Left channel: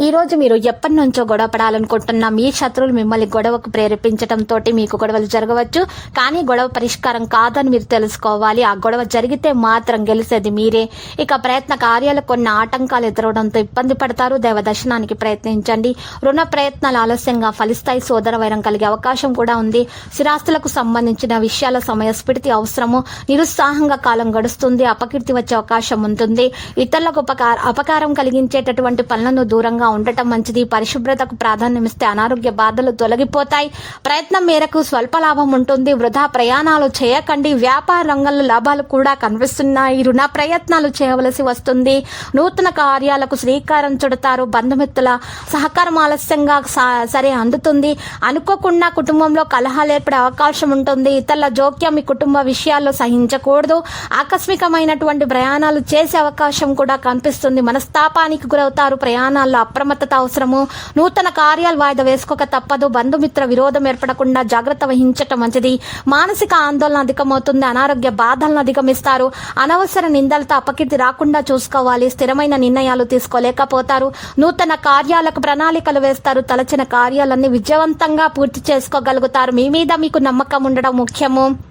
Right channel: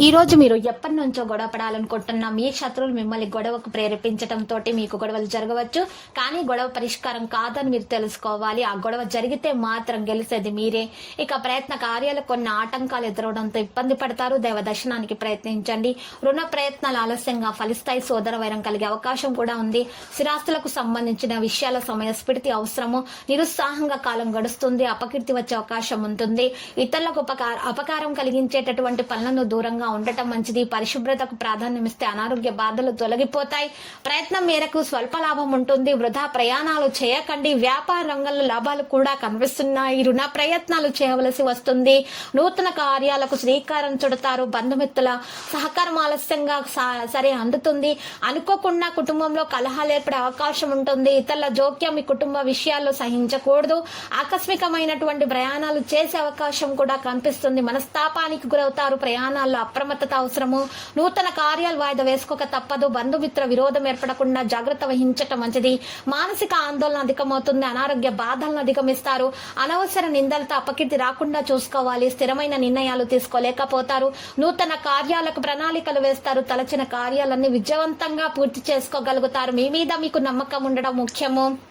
ఈ రోజు మీరు ఎప్పటి నుంచో గొడవ పడాలనుకుంటున్న మీ శత్రువులు మిమ్మల్ని గొడవకు ప్రేరేపించడం తోటి మీకు గొడవలు జరగవచ్చు. కానీ గొడవ పరిష్కారం కాదని మీరు తెలుసుకోవాలి. ఆ గొడవ జరిగితే మాత్రం గెలిచేది మీరే. ఇక ప్రయత్న కార్యాలు కొన్ని ఆటంకాలు ఎదురవడంతో ఇబ్బంది పడతారు. దైవ దర్శనానికి ప్రయత్నించండి. రుణ ప్రయత్నాలు ఆలస్యంగా ఫలిస్తాయి. సోదర వైరం కలిగే అవకాశం కూడా ఉంది. స్థిరాస్తులకు సంబంధించిన విషయాల సమయస్ఫూర్తి అవసరము. నిరుత్సాహంగా కాలం గడుస్తుంది. అపకీర్తి వచ్చే అవకాశం ఉంటుంది. ఇతరులకు ఉపకార అపకారం కలిగించేటటువంటి పనులను దూరంగా ఉండటం మంచిది. పరిశుభ్రతకు ప్రాధాన్యమిస్తే అనారోగ్య బాధలు తొలగిపోతాయి. ప్రయత్నం మేరకు స్వల్ప లాభం ఉంటుంది. వృధా ప్రయాణాలు చేయకండి. వ్యాపార రంగంలో లాభాలు కూడా కనిపిస్తున్నాయి. రుణ ప్రయత్నాలు చేయవలసి వస్తుంది. నూతన కార్యాలకు శ్రీకారం చుడతారు. బంధుమిత్రుల సహకారం ఆలస్యంగా సా- సరే అందుతుంది. అనుకోకుండా కుటుంబంలో కలహాలు ఏర్పడే అవకాశం ఉంటుంది. ఇతరుల జోక్యం మీ కుటుంబ విషయాల్లో సహించకూడదు. ఆకస్మికమైనటువంటి ప్రయాణాలు చేసే అవకాశం కూడా కనిపిస్తుంది. మనస్తాపానికి గురవుతారు. ప్రయాణాల్లో అప్రమత్తత అవసరము. నూతన కార్యాలు వాయిదా వేసుకోక తప్పదు. బంధుమిత్ర విరోధం ఏర్పడకుండా జాగ్రత్త వహించటం మంచిది. మానసిక ఆందోళన అధికమవుతుంది. అనారోగ్య బాధలను అధిగమిస్తారు. అనవసర నిందలతో అపకీర్తి రాకుండా చూసుకోవాలి. స్థిరమైన నిర్ణయాలు తీసుకోలేకపోతారు. నూతన కార్యాలకు ప్రణాళికలు వేస్తారు. తలచిన కార్యాలన్నీ విజయవంతంగా పూర్తి చేసుకోగలుగుతారు. మీ మీద మీకు నమ్మకం ఉండడం ముఖ్యము.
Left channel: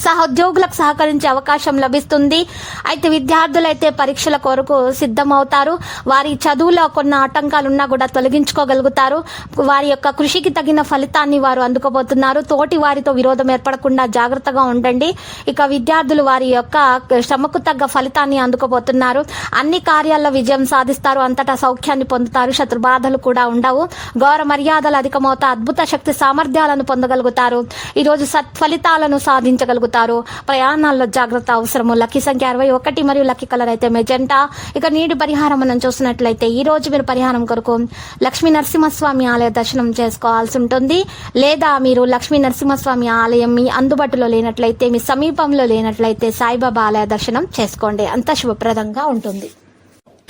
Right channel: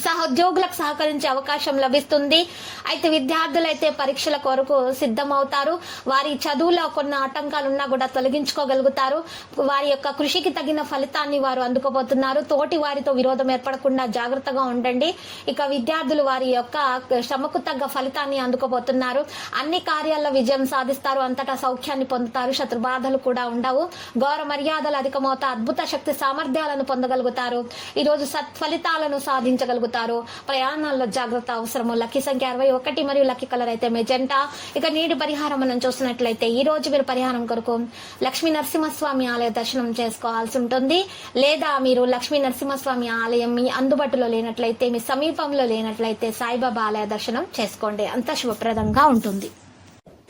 సహోద్యోగులకు సహకరించే అవకాశం లభిస్తుంది. అయితే విద్యార్థులైతే పరీక్షల కొరకు సిద్ధమవుతారు. వారి చదువులో కొన్ని ఆటంకాలు ఉన్నా కూడా తొలగించుకోగలుగుతారు. వారి యొక్క కృషికి తగిన ఫలితాన్ని వారు అందుకోబోతున్నారు. తోటి వారితో విరోధం ఏర్పడకుండా జాగ్రత్తగా ఉండండి. ఇక విద్యార్థులు వారి యొక్క శ్రమకు తగ్గ ఫలితాన్ని అందుకోబోతున్నారు. అన్ని కార్యాల్లో విజయం సాధిస్తారు. అంతటా సౌఖ్యాన్ని పొందుతారు. శత్రు బాధలు కూడా ఉండవు. గౌరవ మర్యాదలు అధికమవుతా అద్భుత శక్తి సామర్థ్యాలను పొందగలుగుతారు. ఈరోజు సత్ఫలితాలను సాధించగలుగుతారు. ప్రయాణాల్లో జాగ్రత్త అవసరము. లక్కీ సంఖ్య అరవై ఒకటి మరియు లక్కీ కలర్ అయితే మెజెంటా. ఇక నీటి పరిహారం మనం చూసినట్లయితే ఈ రోజు మీరు పరిహారం కొరకు లక్ష్మీ నరసింహస్వామి ఆలయ దర్శనం చేసుకోవాల్సి ఉంటుంది. లేదా మీరు లక్ష్మీ నరసింహస్వామి ఆలయం మీ అందుబాటులో లేనట్లయితే మీ సమీపంలో లేనట్లయితే సాయిబాబా ఆలయ దర్శనం చేసుకోండి. అంత శుభప్రదంగా ఉంటుంది.